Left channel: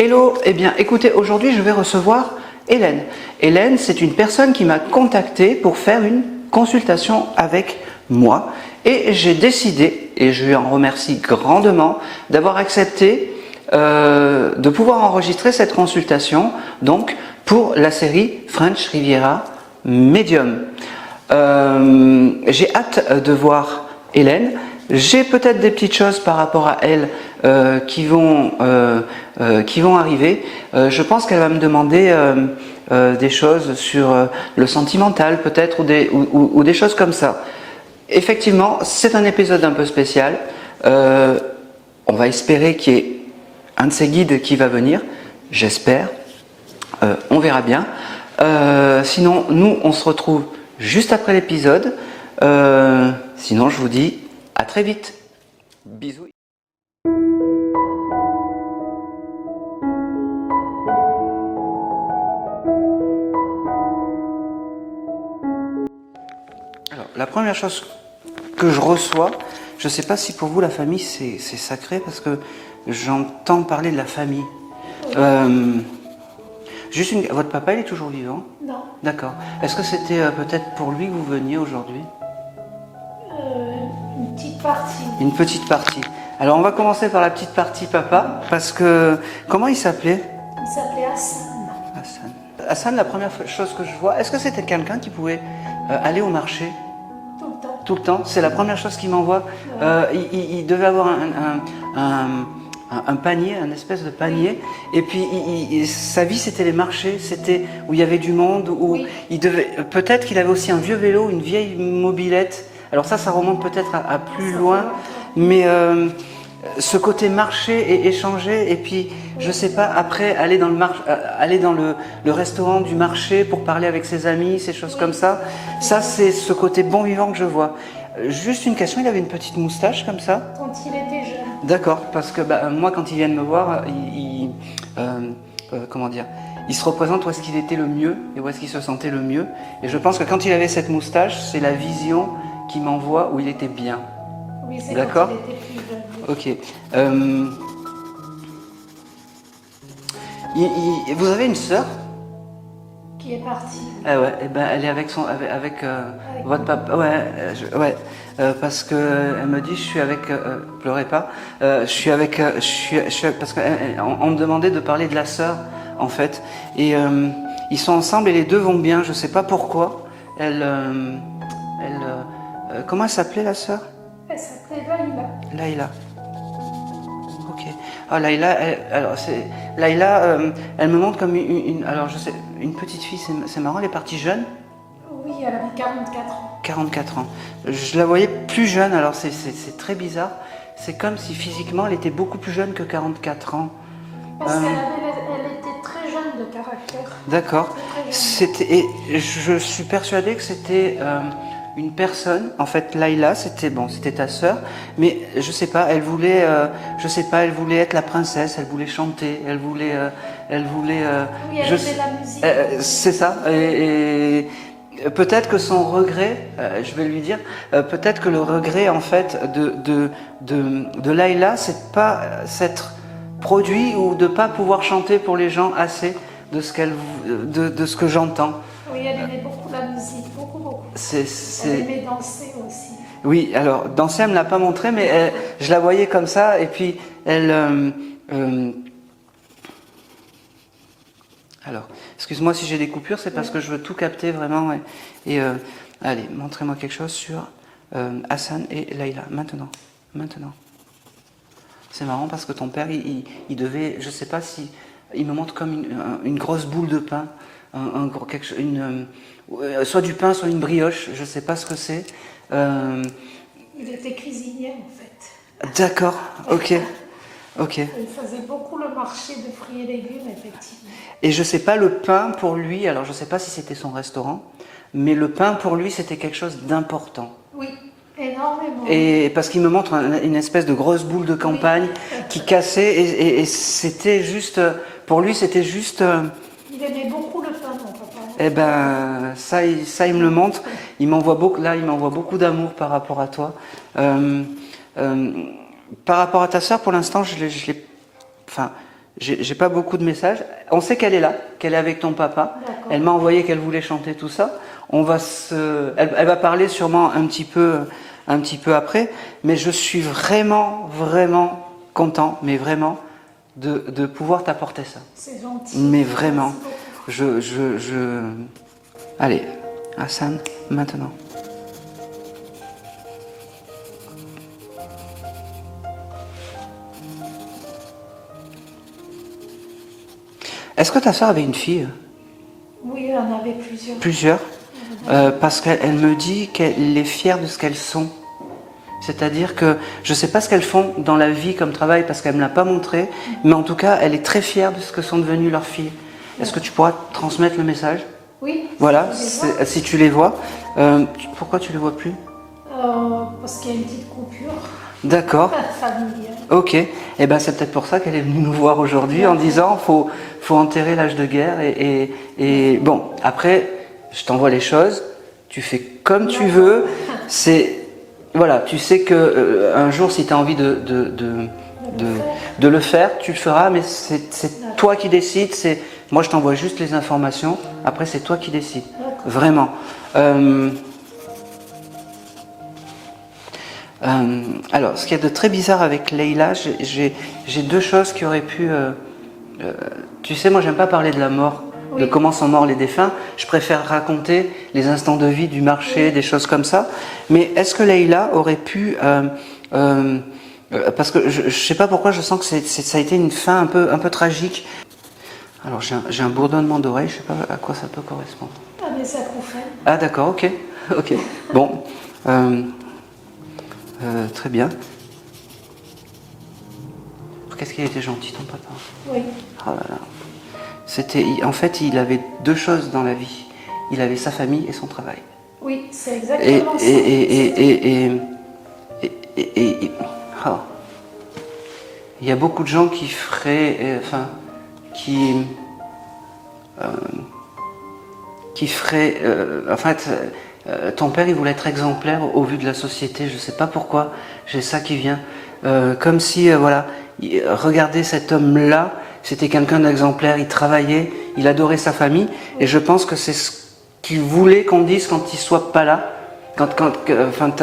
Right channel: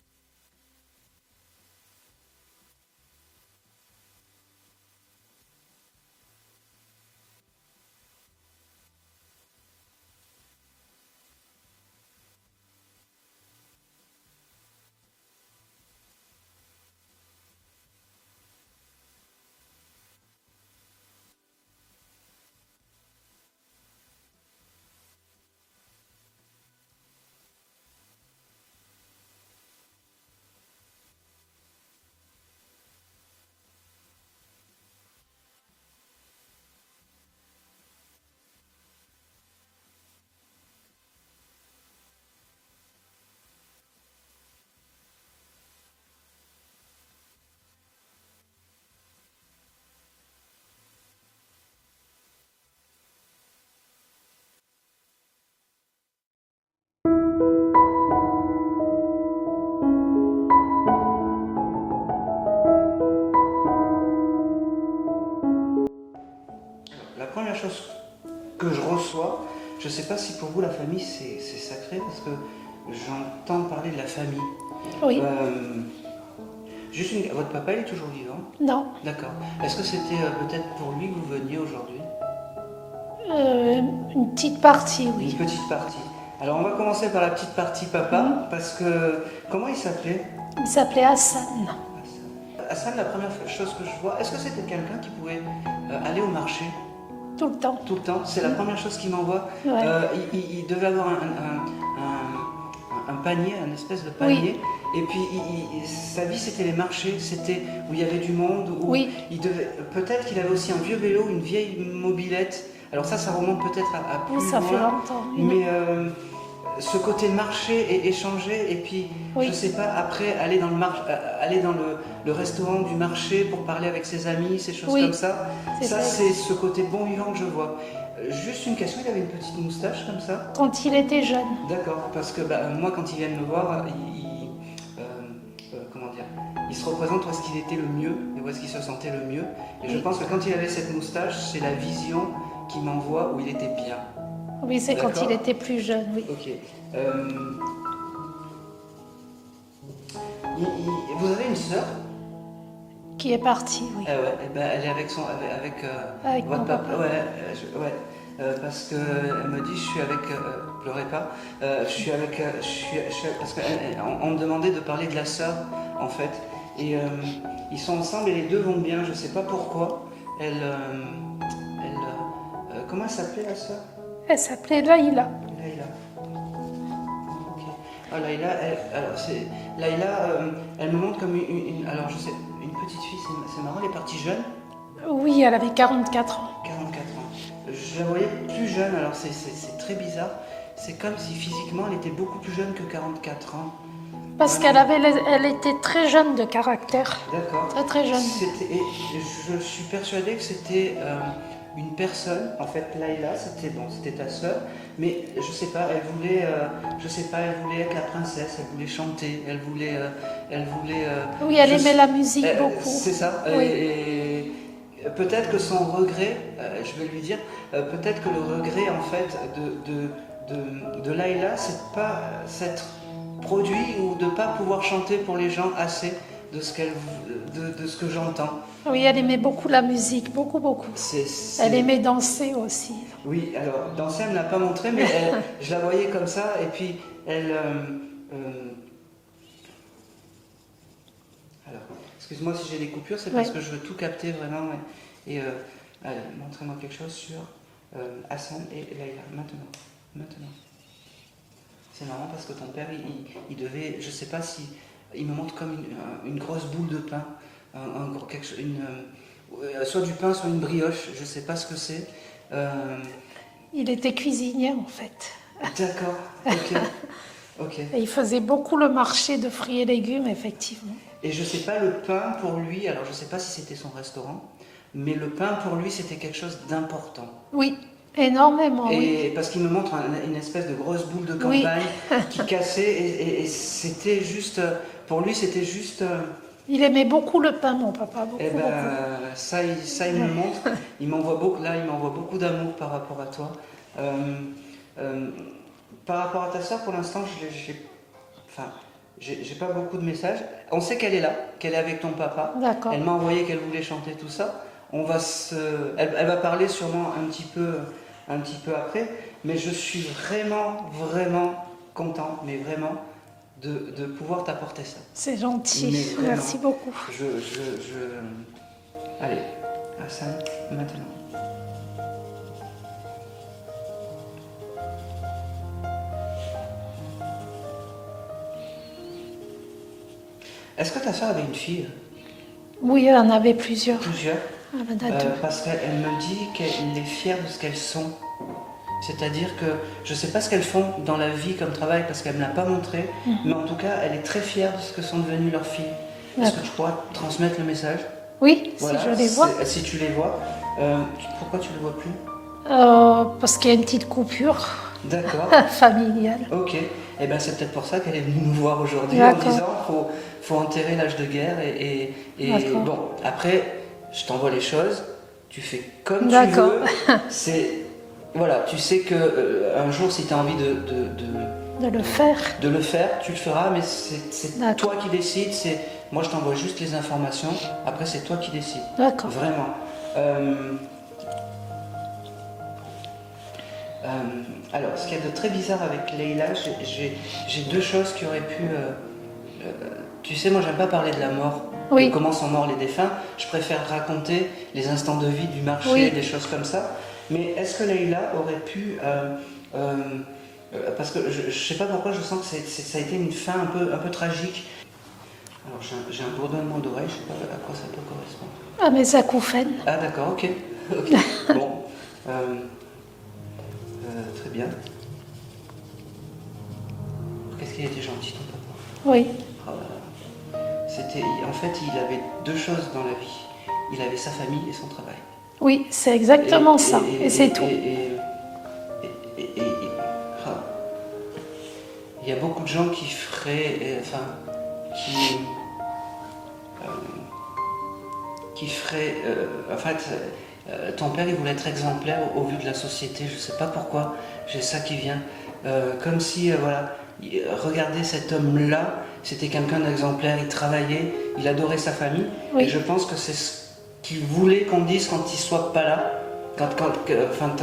Hello, eh bien écoutez, aujourd'hui je vais recevoir Hélène. Hélène, c'est une personne qui m'a contacté pour faire une consultation avec moi et j'ai décidé, et je lui en remercie grandement, d'avoir accepté de pouvoir enregistrer cette consultation donc pour la série French Riviera Medium. J'ai hâte de voir Hélène. J'ai peut-être des petites choses par rapport à elle qui vont arriver. Je pense qu'elle va me demander des choses sur le sentimental peut-être ou des choses comme ça. Effectivement, c'est un épisode un peu spécial. On va espérer qu'il y ait un de ces guides qui va venir. J'espère. On verra bien. Sinon, nous, on se retrouve juste après l'épisode. Sinon, je vous dis à très vite. Bisous. Alors, la première chose que je reçois, je ne sais pas si pour vous la famille c'est sacré parce que j'entends parler de la famille. Oui. Votre papa il est toujours vivant? Non. D'accord. Est-ce que c'était peut-être pour lui que vous veniez aujourd'hui? Une petite partie. Oui. Une petite partie. Alors on va commencer par la petite partie papa, parce que... Comment il s'appelait? Il s'appelait Hassan. Hassan. Hassan, la première chose que je vois, est-ce que c'était quelqu'un qui pouvait aller au marché? Tout le temps. Tout le temps, c'est la première chose qu'il m'envoie. Ouais. Il devait avoir un panier, un espèce de panier, oui. Et puis sa vie c'était les marchés, c'était où il y avait du monde, où oui. Peut-être qu'il avait aussi un vieux vélo, une vieille mobilette. Alors ça remonte peut-être à plus loin, mais ce côté marché et échanger, et puis oui. Je sais pas, après aller dans le restaurant du marché pour parler avec ses amis, ces choses oui. Comme ça. Ça c'est ce côté bon vivant que je vois. Juste une question, il avait une petite moustache comme ça? Quand il était jeune. D'accord, parce que moi quand ils viennent me voir, comment dire, il se représente où est-ce qu'il était le mieux et où est-ce qu'il se sentait le mieux. Et je pense que quand il avait cette moustache, c'est la vision qui m'envoie où il était bien. Oui, c'est quand il était plus jeune. Oui. Ok. Vous avez une sœur? Qui est partie. Oui. Ah ouais, et elle est avec votre papa. Ouais, parce que elle me dit je suis avec. Pleurez pas. Je suis avec. Parce qu'on me demandait de parler de la sœur en fait, et ils sont ensemble et les deux vont bien. Je sais pas pourquoi. Comment elle s'appelait la sœur? Elle s'appelait Laïla. Laïla. Ok. Ah Laïla, elle me montre comme alors je sais, une petite fille. C'est marrant, elle est partie jeune. Oui, elle avait 44 ans. 44 ans. Je la voyais plus jeune, alors c'est très bizarre. C'est comme si physiquement elle était beaucoup plus jeune que 44 ans. Parce qu'elle était très jeune de caractère. D'accord. Très jeune. Et je suis persuadée que c'était une personne. En fait, Laïla, c'était ta sœur, mais je sais pas. Elle voulait, elle voulait être la princesse. Elle voulait chanter. Elle voulait. Oui, elle aimait la musique. C'est ça. Oui. Et peut-être que son regret, je vais lui dire, peut-être que le regret en fait de Laïla, c'est de pas s'être produit ou de pas pouvoir chanter pour les gens assez de ce que j'entends. Oui, elle aimait beaucoup la musique, beaucoup. Elle aimait danser aussi. Oui, alors danser elle me l'a pas montré, mais je la voyais comme ça et puis elle. Alors, excuse-moi si j'ai des coupures, c'est parce que je veux tout capter vraiment. Et allez, montrez-moi quelque chose sur Hassan et Laïla. Maintenant. C'est marrant parce que ton père, il devait, je sais pas si, il me montre comme une grosse boule de pain, soit du pain, soit une brioche, je sais pas ce que c'est. Il était cuisinier en fait. D'accord, ok. Et il faisait beaucoup le marché de fruits et légumes, effectivement. Et je sais pas, le pain pour lui, alors je sais pas si c'était son restaurant, mais le pain pour lui c'était quelque chose d'important. Oui. Énormément. Et parce qu'il me montre une espèce de grosse boule de campagne qui cassait et c'était juste, pour lui c'était juste... Il aimait beaucoup le pain, mon papa. Eh ben, ça il me le montre. Il m'envoie beaucoup d'amour par rapport à toi. Par rapport à ta sœur, pour l'instant, j'ai pas beaucoup de messages. On sait qu'elle est là, qu'elle est avec ton papa. D'accord. Elle m'a envoyé qu'elle voulait chanter tout ça. Elle va parler sûrement un petit peu après. Mais je suis vraiment, vraiment content, mais vraiment, de pouvoir t'apporter ça. C'est gentil. Mais vraiment. Merci beaucoup. Allez, Hassan, maintenant. Est-ce que ta soeur avait une fille? Oui, elle en avait plusieurs. Plusieurs? Parce qu'elle me dit qu'elle est fière de ce qu'elles sont. C'est-à-dire que je ne sais pas ce qu'elles font dans la vie comme travail parce qu'elle ne me l'a pas montré, mais en tout cas, elle est très fière de ce que sont devenues leurs filles. Est-ce que tu pourras transmettre le message? Oui, voilà, si je les vois. Si tu les vois. Pourquoi tu ne les vois plus? Parce qu'il y a une petite coupure. D'accord. Familiale. Ok. Et ben c'est peut-être pour ça qu'elle est venue nous voir aujourd'hui en disant faut enterrer l'âge de guerre et bon après je t'envoie les choses, tu fais comme tu veux. Voilà, tu sais que un jour si tu as envie de le faire, tu le feras, mais c'est toi qui décides. Moi je t'envoie juste les informations. Après c'est toi qui décides. D'accord. Vraiment. Alors, ce qu'il y a de très bizarre avec Leïla, j'ai deux choses qui auraient pu... tu sais, moi, j'aime pas parler de la mort, de comment sont morts les défunts. Je préfère raconter les instants de vie du marché, des choses comme ça. Mais est-ce que Leïla aurait pu... parce que je sais pas pourquoi, je sens que ça a été une fin un peu tragique. Alors, j'ai un bourdonnement d'oreille, je sais pas à quoi ça peut correspondre. Ah, mes acouphènes. Ah, d'accord, ok. Bon. Très bien. Qu'est-ce qu'il était gentil, ton papa? Oui. Oh là là. En fait, il avait deux choses dans la vie. Il avait sa famille et son travail. Oui, c'est exactement ça. Oh. Il y a beaucoup de gens qui feraient... en fait... ton père, il voulait être exemplaire au vu de la société. Je ne sais pas pourquoi, j'ai ça qui vient. Comme si, voilà, regardez cet homme-là, c'était quelqu'un d'exemplaire, il travaillait, il adorait sa famille. Et je pense que c'est ce qu'il voulait qu'on dise quand il ne soit pas là.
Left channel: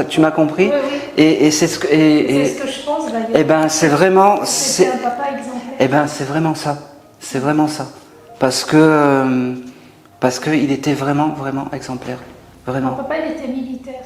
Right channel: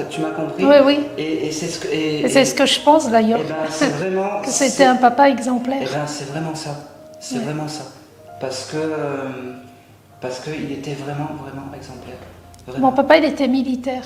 Tu m'as compris? Oui, oui. Et c'est ce que... c'est ce que je pense d'ailleurs. Eh ben, c'est vraiment... C'était un papa exemplaire. Eh ben, c'est vraiment ça. C'est vraiment ça. Parce qu'il était vraiment, vraiment exemplaire. Vraiment. Mon papa, il était militaire.